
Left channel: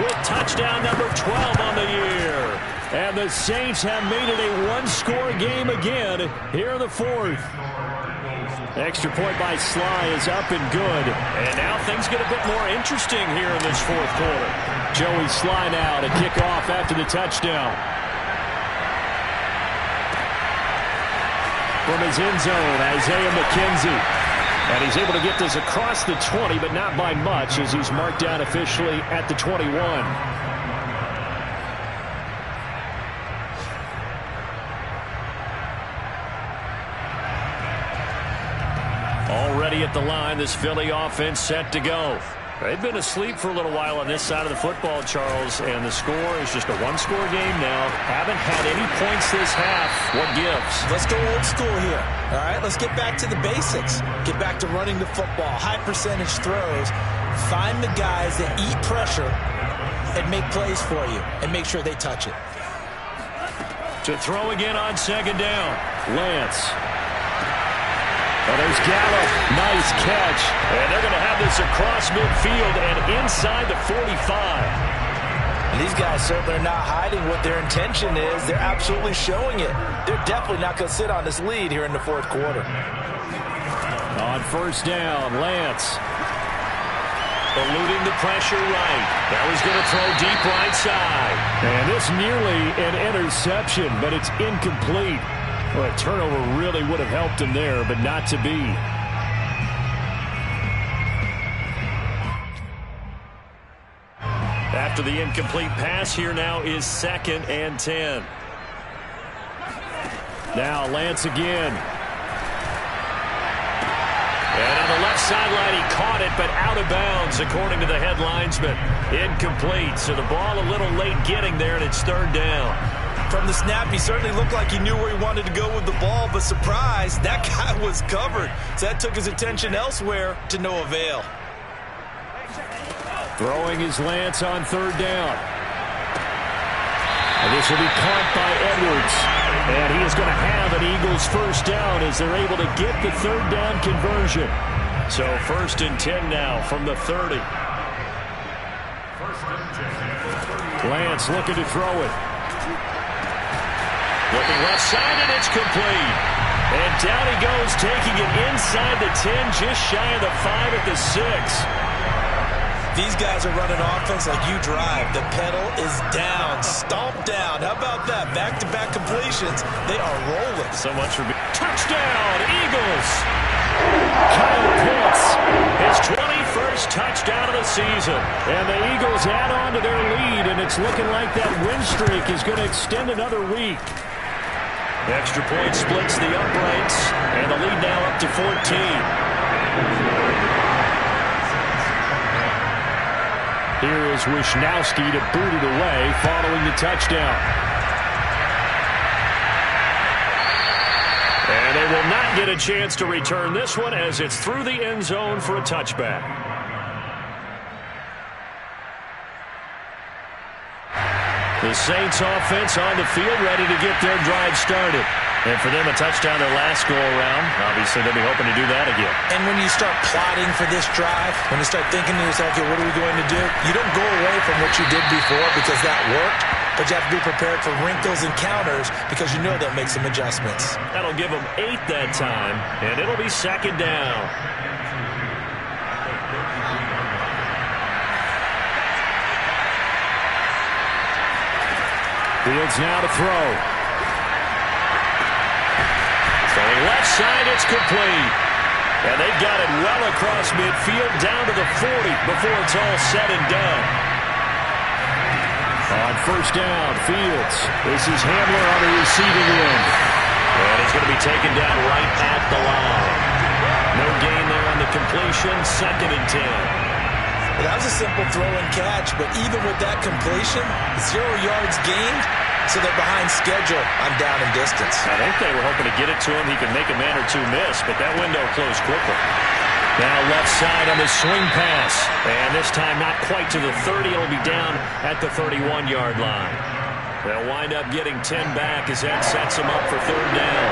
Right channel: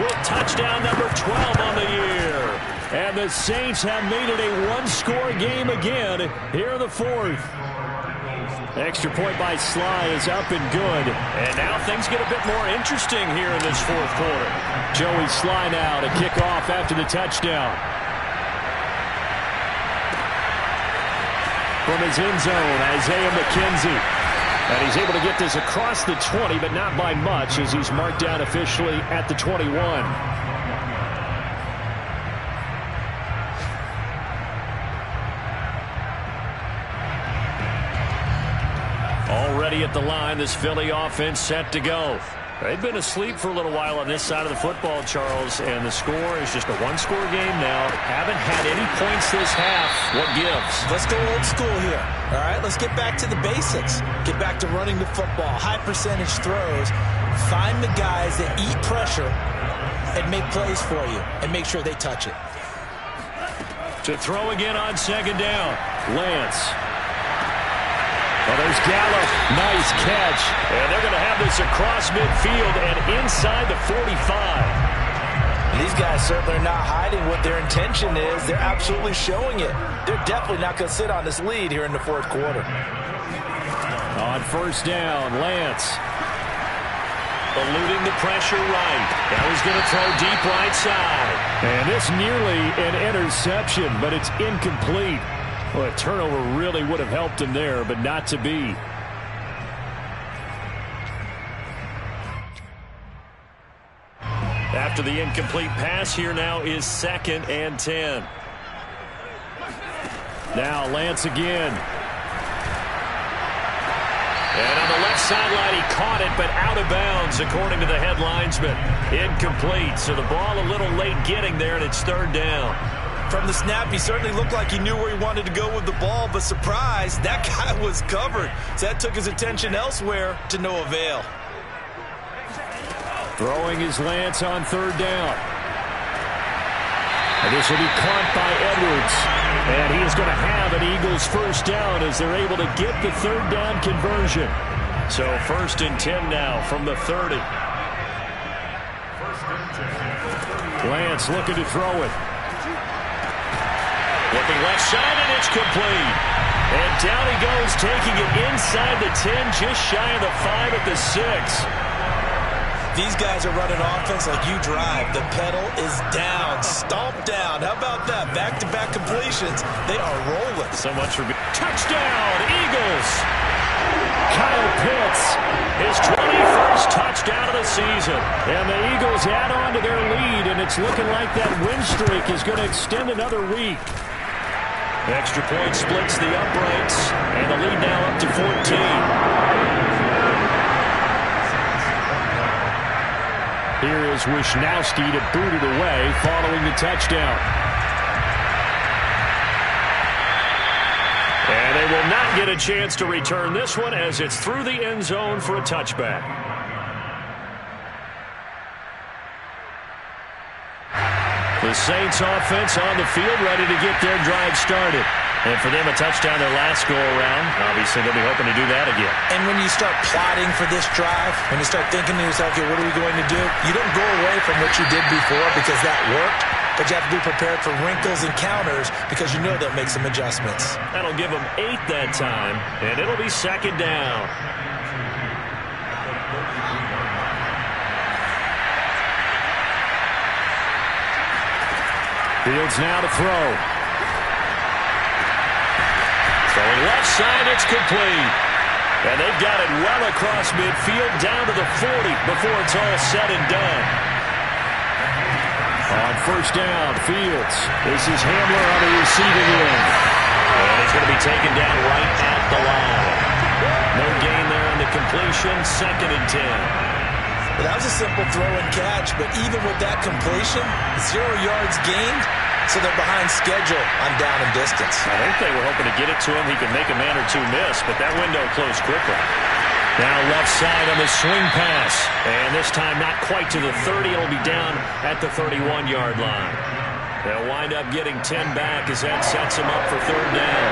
with touchdown number 12 on the year. And the Saints have made it a one-score game again here in the 4th. Extra point by Sly is up and good. And now things get a bit more interesting here in this 4th quarter. Joey Sly now to kick off after the touchdown. From his end zone, Isaiah McKenzie. And he's able to get this across the 20, but not by much as he's marked down officially at the 21. Already at the line, this Philly offense set to go. They've been asleep for a little while on this side of the football, Charles, and the score is just a one-score game now. Haven't had any points this half. What gives? Let's go old school here. All right, let's get back to the basics. Get back to running the football, high percentage throws. Find the guys that eat pressure and make plays for you and make sure they touch it. To throw again on 2nd down, Lance. Oh, there's Gallup. Nice catch. And they're going to have this across midfield and inside the 45. And these guys certainly are not hiding what their intention is. They're absolutely showing it. They're definitely not going to sit on this lead here in the 4th quarter. On 1st down, Lance. Eluding the pressure right. That was going to throw deep right side. And this nearly an interception, but it's incomplete. Well, a turnover really would have helped him there, but not to be. After the incomplete pass, here now is 2nd and 10. Now Lance again. And on the left sideline, he caught it, but out of bounds, according to the head linesman. Incomplete, so the ball a little late getting there, and it's 3rd down. From the snap, he certainly looked like he knew where he wanted to go with the ball, but surprise, that guy was covered. So that took his attention elsewhere to no avail. Throwing his Lance on 3rd down. And this will be caught by Edwards. And he is going to have an Eagles 1st down as they're able to get the 3rd down conversion. So 1st and 10 now from the 30. Lance looking to throw it. Looking left side, and it's complete. And down he goes, taking it inside the 10, just shy of the 5 at the 6. These guys are running offense like you drive. The pedal is down, stomped down. How about that? Back-to-back completions. They are rolling. So much for touchdown, Eagles. Kyle Pitts, his 21st touchdown of the season. And the Eagles add on to their lead, and it's looking like that win streak is going to extend another week. Extra point splits the uprights, and the lead now up to 14. Here is Wisnowski to boot it away following the touchdown. And they will not get a chance to return this one as it's through the end zone for a touchback. The Saints offense on the field ready to get their drive started. And for them, a touchdown their last go-around. Obviously, they'll be hoping to do that again. And when you start plotting for this drive, when you start thinking to yourself, okay, what are we going to do? You don't go away from what you did before because that worked, but you have to be prepared for wrinkles and counters because you know they'll make some adjustments. That'll give them 8 that time, and it'll be second down. Fields now to throw. Throwing left side, it's complete. And they've got it well across midfield down to the 40 before it's all said and done. On first down, Fields. This is Hamler on the receiving end. And he's going to be taken down right at the line. No gain there on the completion, 2nd and 10. Well, that was a simple throw and catch, but even with that completion, 0 yards gained. So they're behind schedule on down and distance. I think they were hoping to get it to him. He could make a man or two miss, but that window closed quickly. Now left side on the swing pass. And this time not quite to the 30. It'll be down at the 31-yard line. They'll wind up getting 10 back as that sets them up for 3rd down.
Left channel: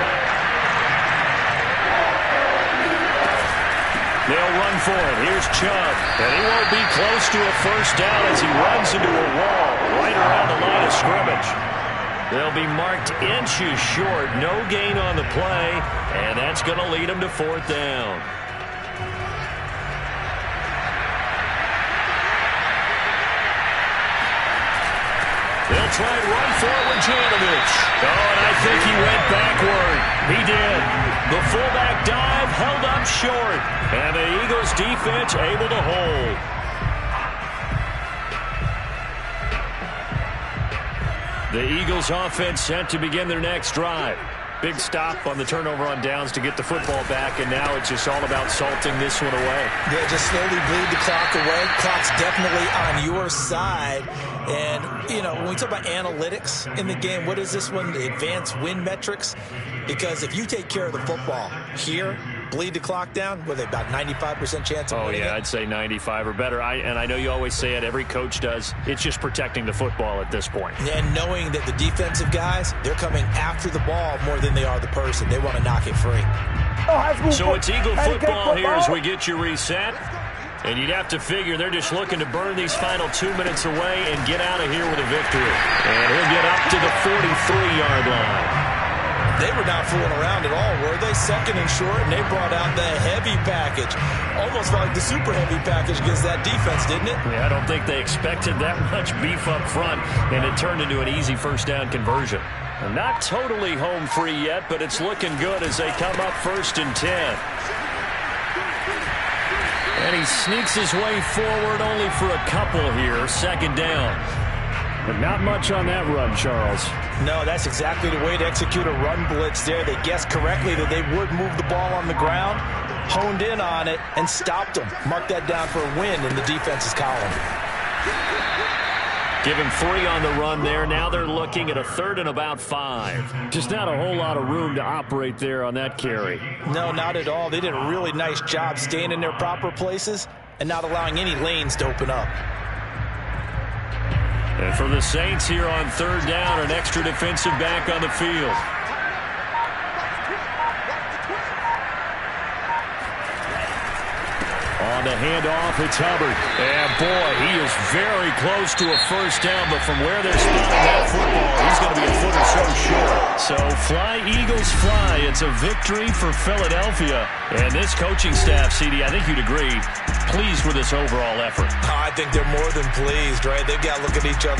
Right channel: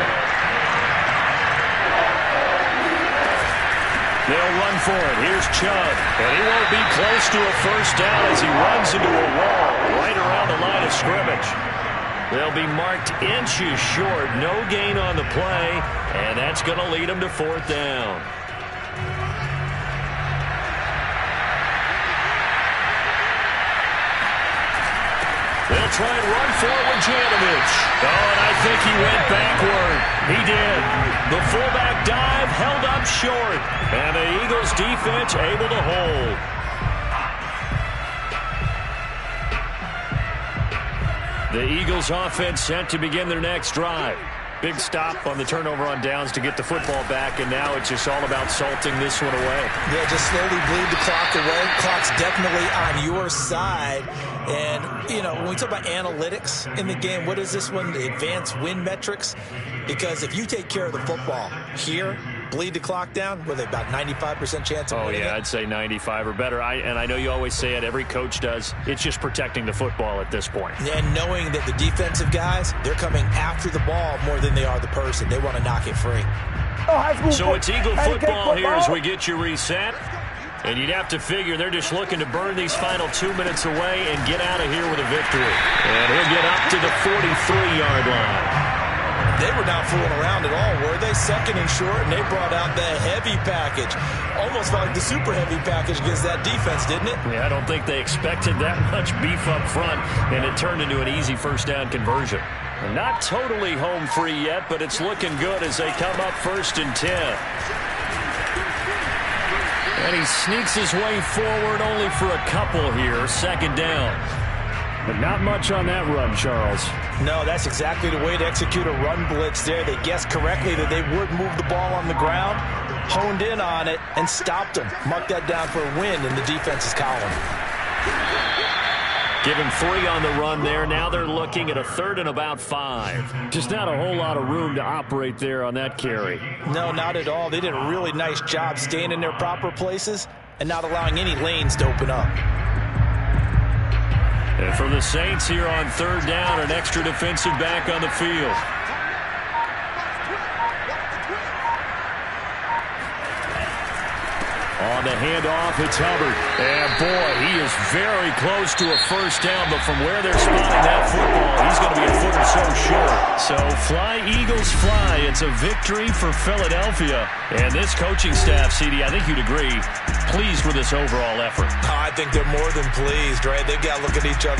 They'll run for it. Here's Chubb. And he won't be close to a first down as he runs into a wall right around the line of scrimmage. They'll be marked inches short. No gain on the play, and that's going to lead them to 4th down. They'll try and run for it with Janovich. Oh, and I think he went backward. He did. The fullback dive held up short, and the Eagles defense able to hold. The Eagles offense set to begin their next drive. Big stop on the turnover on downs to get the football back, and now it's just all about salting this one away. Yeah, just slowly bleed the clock away. Clock's definitely on your side. And, you know, when we talk about analytics in the game, what is this one? The advanced win metrics? Because if you take care of the football here, bleed the clock down, with about 95% chance of winning it? I'd say 95 or better. And I know you always say it, every coach does. It's just protecting the football at this point. And knowing that the defensive guys, they're coming after the ball more than they are the person. They want to knock it free. So it's Eagle football here as we get you reset. And you'd have to figure they're just looking to burn these final 2 minutes away and get out of here with a victory. And he'll get up to the 43-yard line. They were not fooling around at all, were they? 2nd and short, and they brought out the heavy package. Almost felt like the super heavy package against that defense, didn't it? Yeah, I don't think they expected that much beef up front, and it turned into an easy first down conversion. Not totally home free yet, but it's looking good as they come up 1st and 10. And he sneaks his way forward only for a couple here, 2nd down. But not much on that run, Charles. No, that's exactly the way to execute a run blitz there. They guessed correctly that they would move the ball on the ground, honed in on it, and stopped them. Mark that down for a win in the defense's column. Give him 3 on the run there. Now they're looking at a 3rd and about 5. Just not a whole lot of room to operate there on that carry. No, not at all. They did a really nice job staying in their proper places and not allowing any lanes to open up. And for the Saints here on 3rd down, an extra defensive back on the field. On the handoff, it's Hubbard. And, boy, he is very close to a first down, but from where they're spotting that football, he's going to be a foot or so short. So, fly, Eagles, fly. It's a victory for Philadelphia. And this coaching staff, CD, I think you'd agree, pleased with this overall effort. I think they're more than pleased, right? They've got to look at each other